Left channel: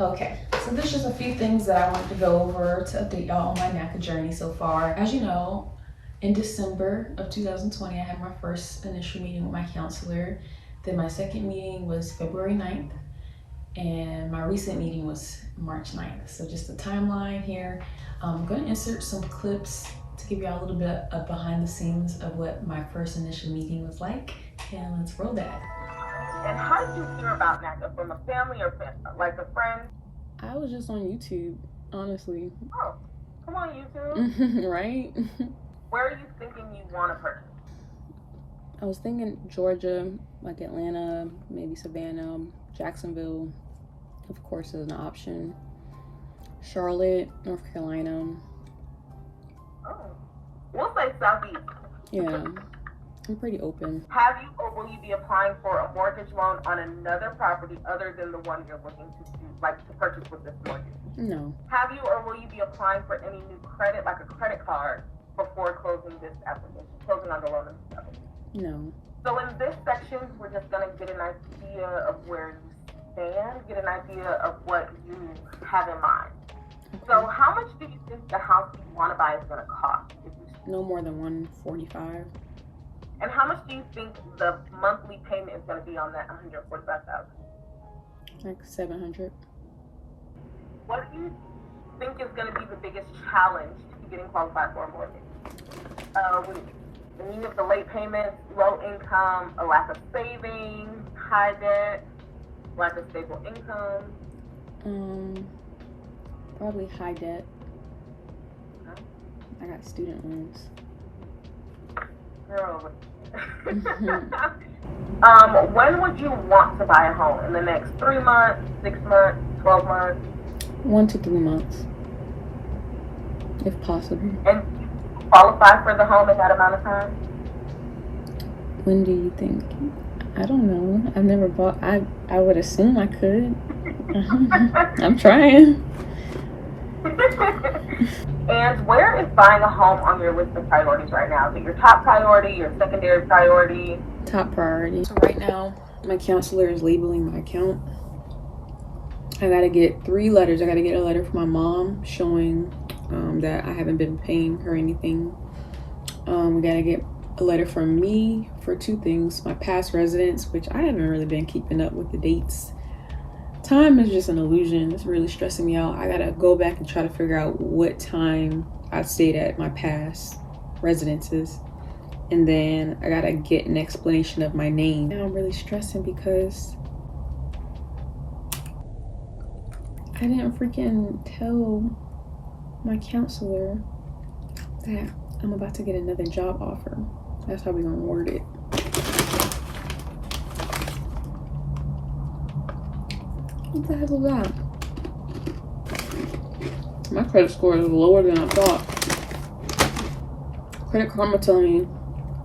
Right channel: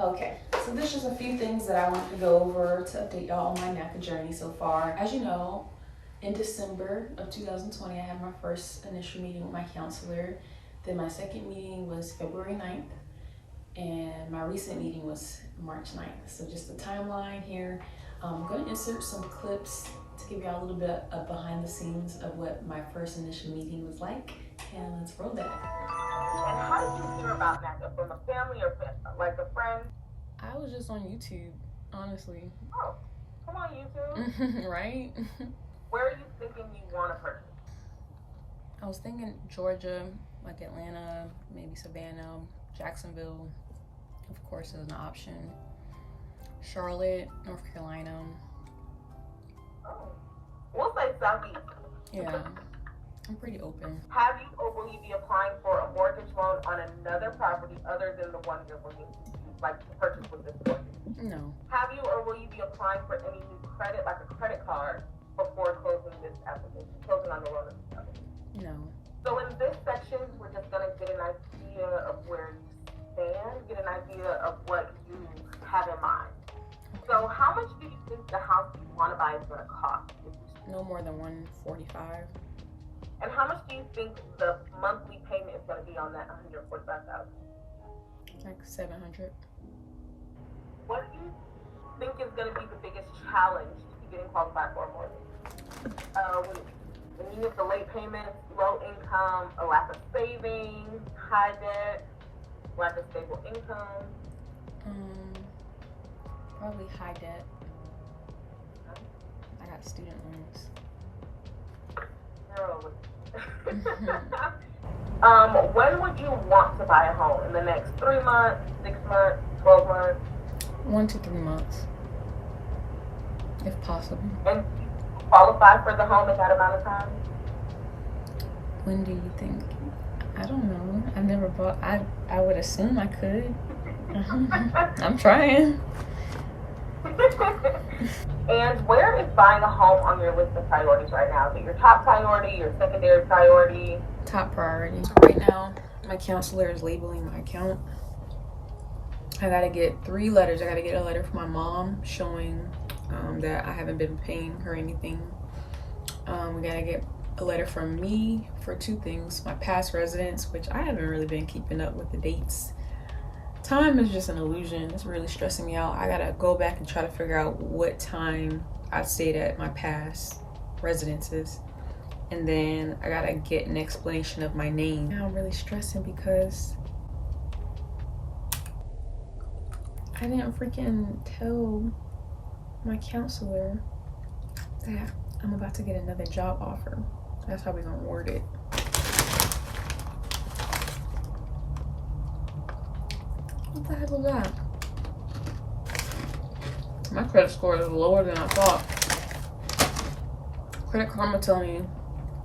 Okay, so there's just a few things that I wanted to go over to update y'all on my Naca journey so far. As you know, in December of 2020, I had my first initial meeting with my counselor. Then my second meeting was February 9th, and my recent meeting was March 9th. So just the timeline here. I'm gonna insert some clips to give y'all a little bit of behind the scenes of what my first initial meeting was like. And let's roll that. And how did you hear about Naca? From a family or like a friend? I was just on YouTube, honestly. Oh, come on YouTube. Right? Where are you thinking you want to purchase? I was thinking Georgia, like Atlanta, maybe Savannah, Jacksonville, of course, is an option. Charlotte, North Carolina. Oh. We'll say Southeast. Yeah, I'm pretty open. Have you or will you be applying for a mortgage loan on another property other than the one you're looking to purchase with this mortgage? No. Have you or will you be applying for any new credit, like a credit card, before closing this application, closing on the loan? No. So in this section, we're just gonna get an idea of where you stand, get an idea of what you have in mind. Okay. So how much do you think the house you want to buy is gonna cost? No more than 145. And how much do you think the monthly payment is gonna be on that 145,000? Like 700. What do you think is gonna be the biggest challenge to getting qualified for a mortgage? When you have the late payments, low income, a lack of savings, high debt, lack of stable income? Probably high debt. I got student loans. Girl. When would you want to buy a home? In the next 3 months, 6 months, 12 months? 1 to 3 months, if possible. And qualify for the home in that amount of time? When do you think? I don't know. I've never bought. I would assume I could. I'm trying. And where is buying a home on your list of priorities right now? Is it your top priority, your secondary priority? Top priority. So right now, my counselor is labeling my account. I gotta get 3 letters. I gotta get a letter from my mom showing that I haven't been paying her anything. We gotta get a letter from me for 2 things: my past residence, which I haven't really been keeping up with the dates. Time is just an illusion. It's really stressing me out. I gotta go back and try to figure out what time I stayed at my past residences, and then I gotta get an explanation of my name. Now I'm really stressing because I didn't freaking tell my counselor that I'm about to get another job offer. That's how we're gonna word it. What the heck was that? My credit score is lower than I thought. Credit Karma telling me,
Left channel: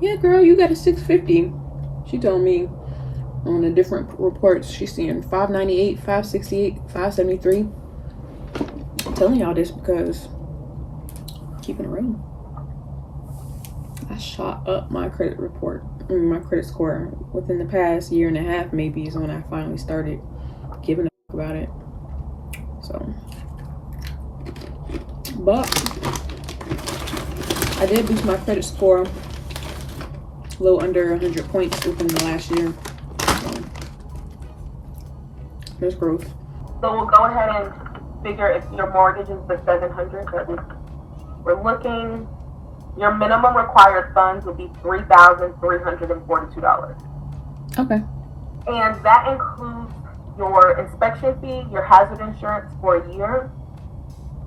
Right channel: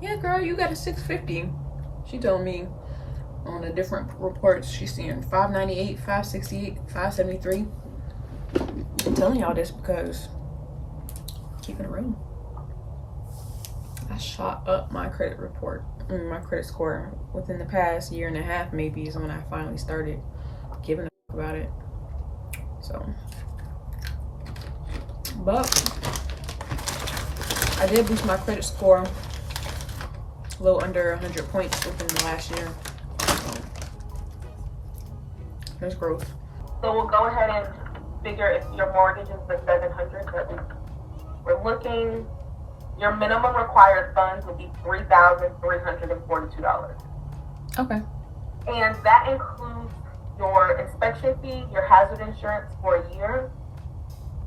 yeah, girl, you got a 650. She told me on the different reports she's seeing 598, 568, 573. I'm telling y'all this because keeping it real. I shot up my credit report, my credit score within the past year and a half. Maybe is when I finally started giving a fuck about it. So, but I did boost my credit score a little under 100 points within the last year. So there's growth. So we'll go ahead and figure if your mortgage is the 700 that we're looking. Your minimum required funds would be $3,342. Okay. And that includes your inspection fee, your hazard insurance for a year.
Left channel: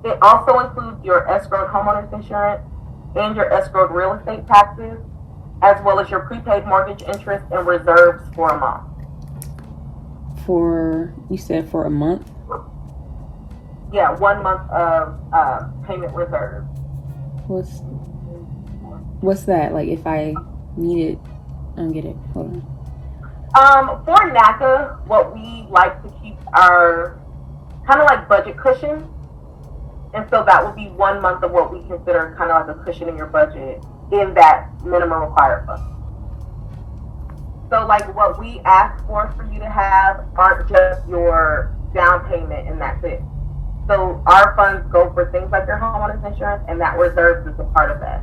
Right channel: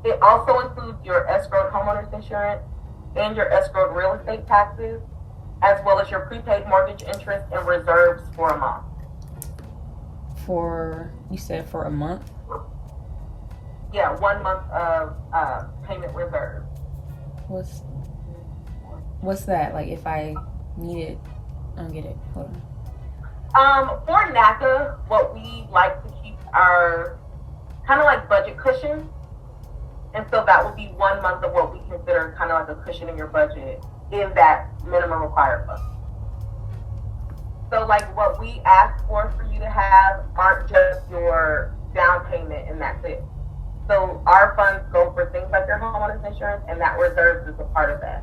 It also includes your escrowed homeowners insurance and your escrowed real estate taxes, as well as your prepaid mortgage interest and reserves for a month. You said for a month? Yeah, 1 month of payment reserve. What's that? Like if I need it, I don't get it. Hold on. For Naca, what we like to keep are kind of like budget cushion. And so that would be 1 month of what we consider kind of like a cushion in your budget in that minimum required fund. So like what we ask for you to have aren't just your down payment, and that's it. So our funds go for things like your homeowner's insurance, and that reserves is a part of that.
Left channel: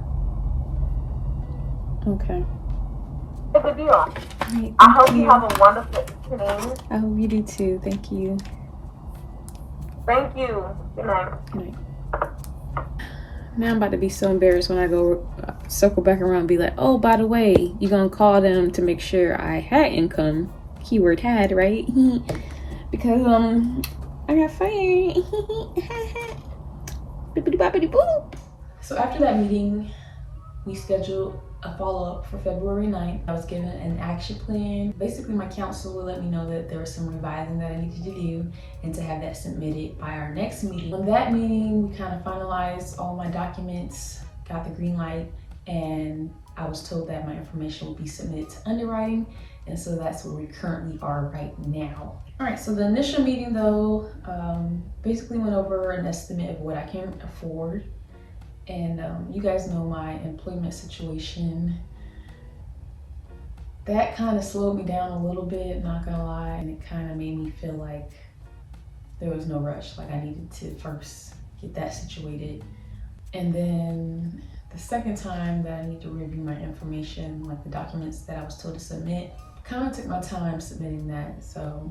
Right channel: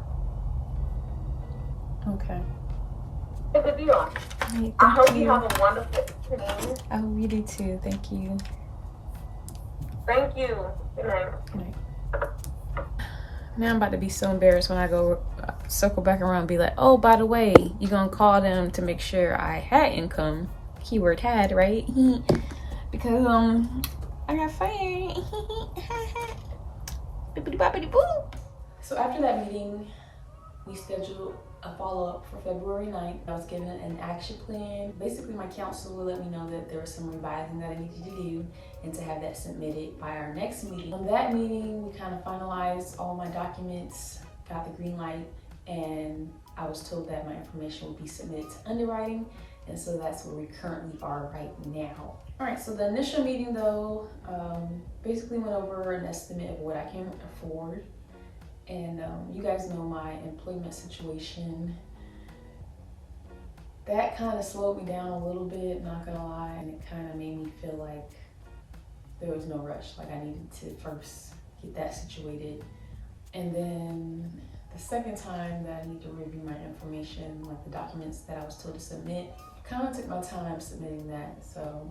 Okay. It's a deal. Right, I hope you have a wonderful evening. I hope you do too. Thank you. Thank you. Good night. Good night. Now I'm about to be so embarrassed when I go circle back around and be like, oh, by the way, you're going to call them to make sure I had income. Keyword had, right? Because, I got fired. Bippity boppity boop. So after that meeting, we scheduled a follow-up for February 9th. I was given an action plan. Basically, my counselor let me know that there was some revising that I needed to do and to have that submitted by our next meeting. On that meeting, we kind of finalized all my documents, got the green light, and I was told that my information would be submitted to underwriting. And so that's where we currently are right now. All right, so the initial meeting though, basically went over an estimate of what I can afford. And you guys know my employment situation. That kind of slowed me down a little bit, not gonna lie. And it kind of made me feel like there was no rush, like I needed to first get that situated. And then the second time that I need to review my information, like the documents that I was told to submit, kind of took my time submitting that. So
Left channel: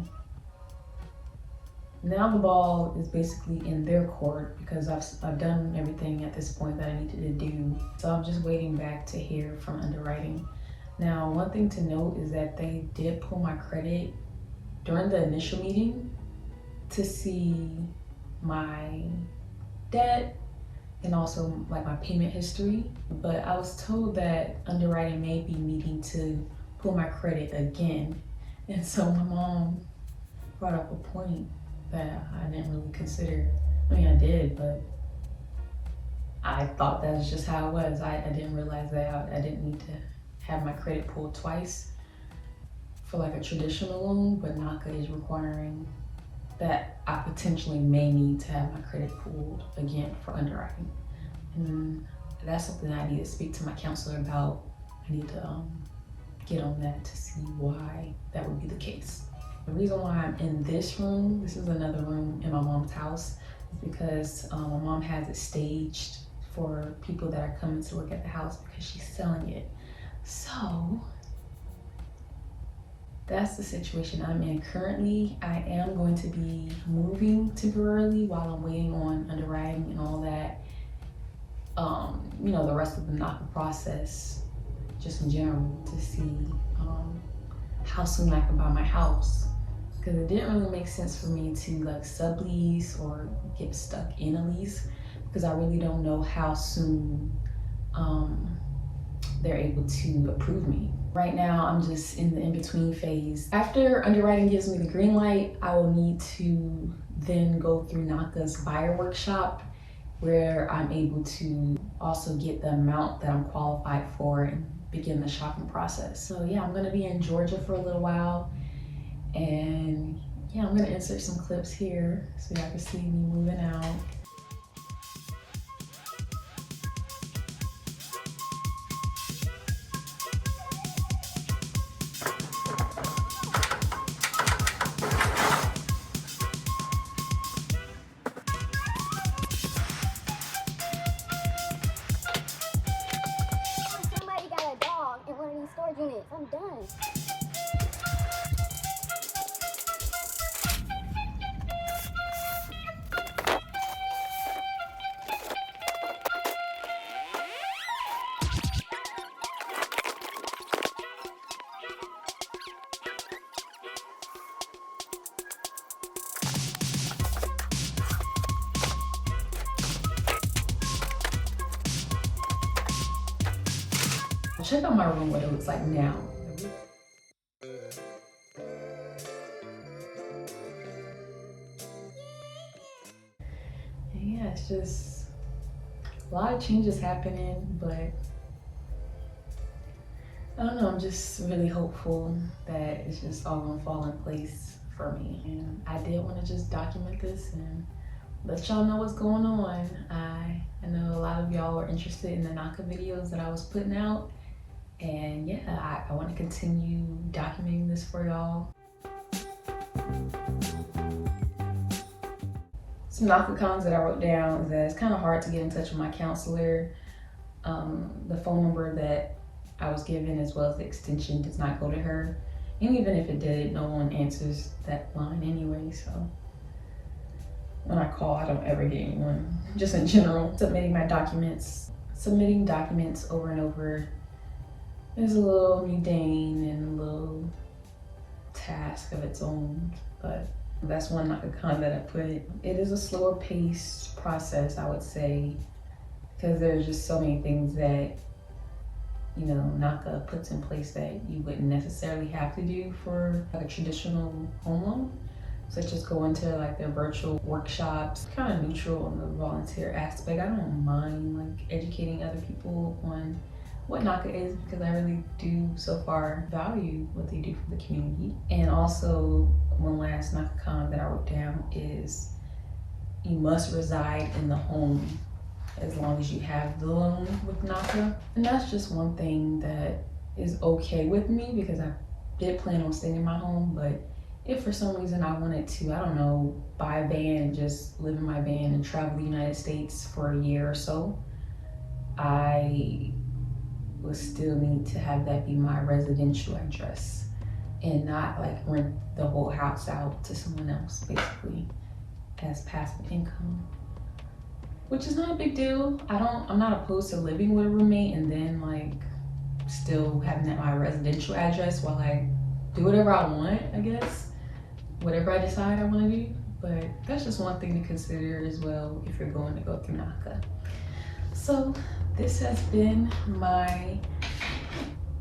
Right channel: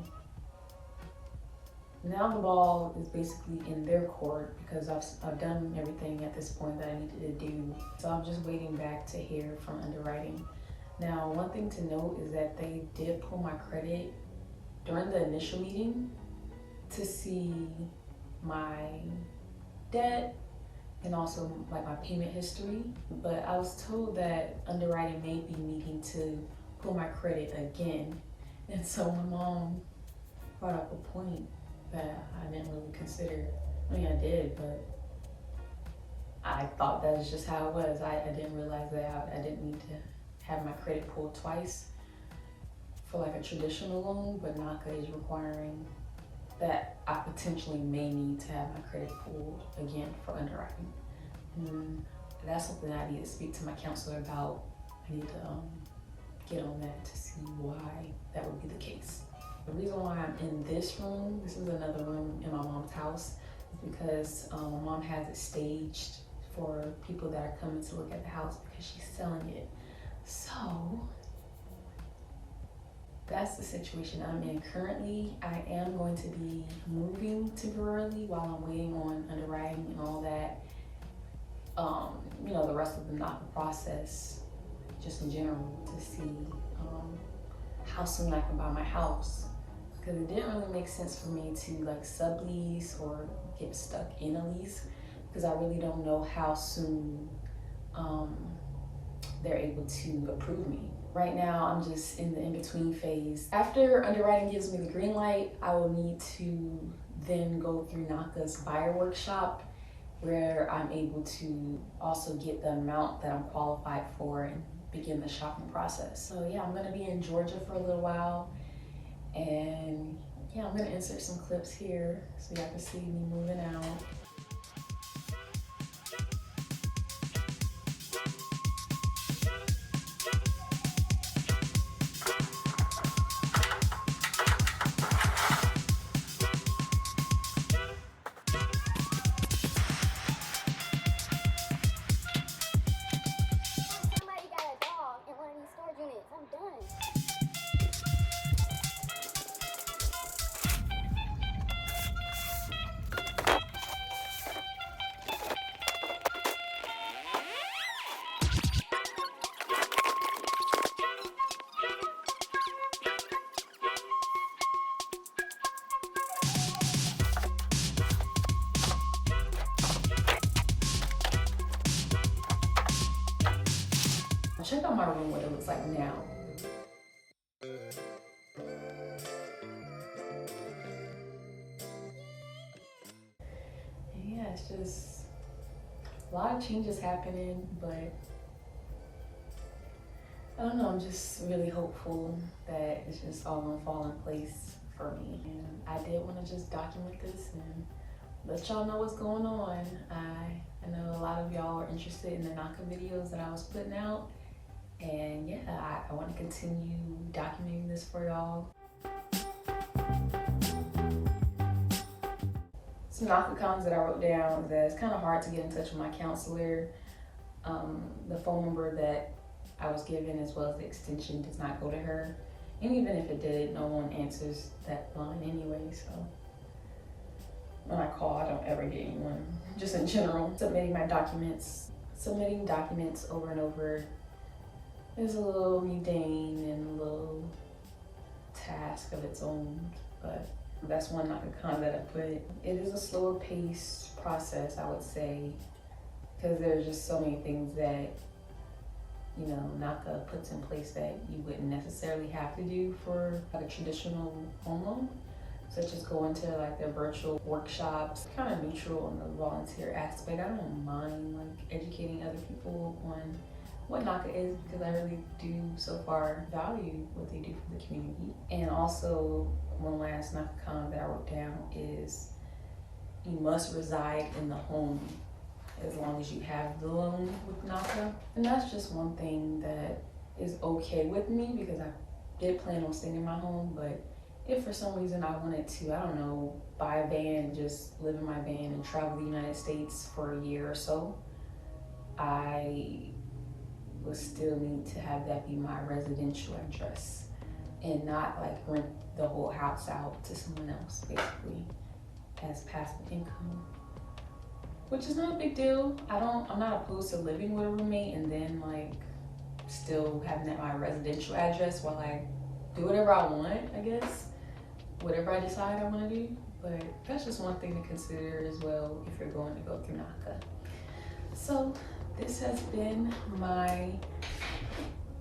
now the ball is basically in their court because I've done everything at this point that I needed to do. So I'm just waiting back to hear from underwriting. Now, one thing to note is that they did pull my credit during the initial meeting to see my debt and also like my payment history. But I was told that underwriting may be needing to pull my credit again. And so my mom brought up a point that I didn't really consider. I mean, I did, but I thought that was just how it was. I didn't realize that I didn't need to have my credit pulled twice for like a traditional loan, but Naca is requiring that I potentially may need to have my credit pulled again for underwriting. And that's something I need to speak to my counselor about. I need to get on that to see why that would be the case. The reason why I'm in this room, this is another room in my mom's house, is because my mom has it staged for people that are coming to look at the house because she's selling it. So that's the situation I'm in currently. I am going to be moving temporarily while I'm waiting on underwriting and all that. You know, the rest of the Naca process, just in general, to see how soon I can buy my house. Because it didn't really make sense for me to like sublease or get stuck in a lease because I really don't know how soon they're able to approve me. Right now, I'm just in the in-between phase. After underwriting gives me the green light, I will need to then go through Naca's buyer workshop where I'm able to also get the amount that I'm qualified for and begin the shopping process. So yeah, I'm gonna be in Georgia for a little while. And yeah, I'm gonna insert some clips here so y'all can see me moving out. Somebody got a dog in one of these storage units. I'm done. Check out my room, what it looks like now. And yeah, it's just a lot of changes happening, but I don't know, I'm just really hopeful that it's just all gonna fall in place for me. And I did want to just document this and let y'all know what's going on. I know a lot of y'all are interested in the Naca videos that I was putting out. And yeah, I want to continue documenting this for y'all. Some Naca cons that I wrote down is that it's kind of hard to get in touch with my counselor. The phone number that I was given as well as the extension does not go to her. And even if it did, no one answers that line anyway, so when I call, I don't ever get anyone, just in general. Submitting documents over and over is a little mundane and a little task of its own, but that's one Naca con that I put. It is a slower paced process, I would say, because there's just so many things that, you know, Naca puts in place that you wouldn't necessarily have to do for like a traditional home loan, such as going to like their virtual workshops. Kind of neutral on the volunteer aspect. I don't mind like educating other people on what Naca is, because I really do so far value what they do for the community. And also one last Naca con that I wrote down is you must reside in the home as long as you have the loan with Naca. And that's just one thing that is okay with me, because I did plan on staying in my home, but if for some reason I wanted to, I don't know, buy a van and just live in my van and travel the United States for a year or so, I would still need to have that be my residential address and not like rent the whole house out to someone else, basically, as passive income. Which is not a big deal. I'm not opposed to living with a roommate and then like still having that my residential address while I do whatever I want, I guess. Whatever I decide I want to do. But that's just one thing to consider as well if you're going to go through Naca. So this has been my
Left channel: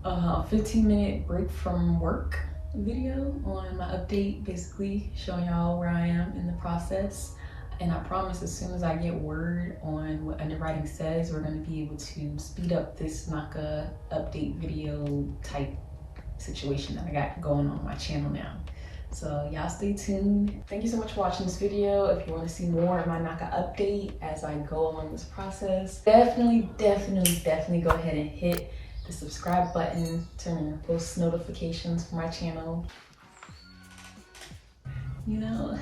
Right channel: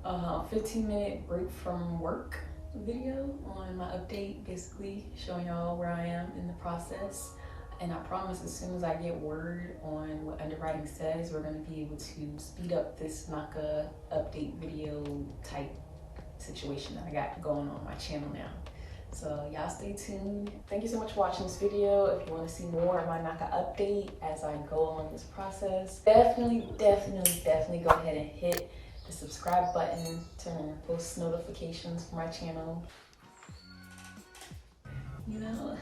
15-minute break from work video on my update, basically showing y'all where I am in the process. And I promise as soon as I get word on what underwriting says, we're going to be able to speed up this Naca update video type situation that I got going on my channel now. So y'all stay tuned. Thank you so much for watching this video. If you want to see more of my Naca update as I go along this process, definitely go ahead and hit the subscribe button, turn on post notifications for my channel. You know,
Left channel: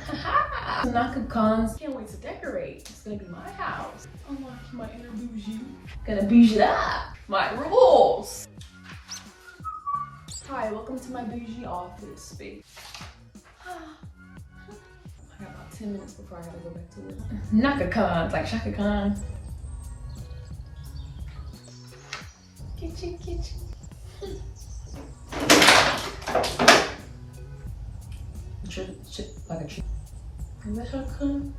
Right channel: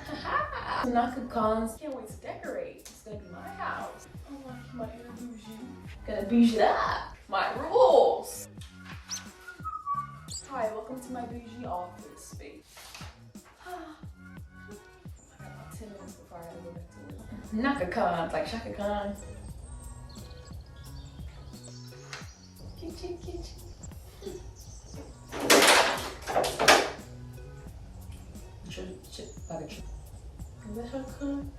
Naca cons. Can't wait to decorate. It's gonna be my house. I'm like my inner bougie. Gonna bougie it up. My rules. Hi, welcome to my bougie office space. I got about 10 minutes before I gotta go back to work. Naca cons, like Shaka Khan. Kitchen. Like a tree. Is that Shaka Khan?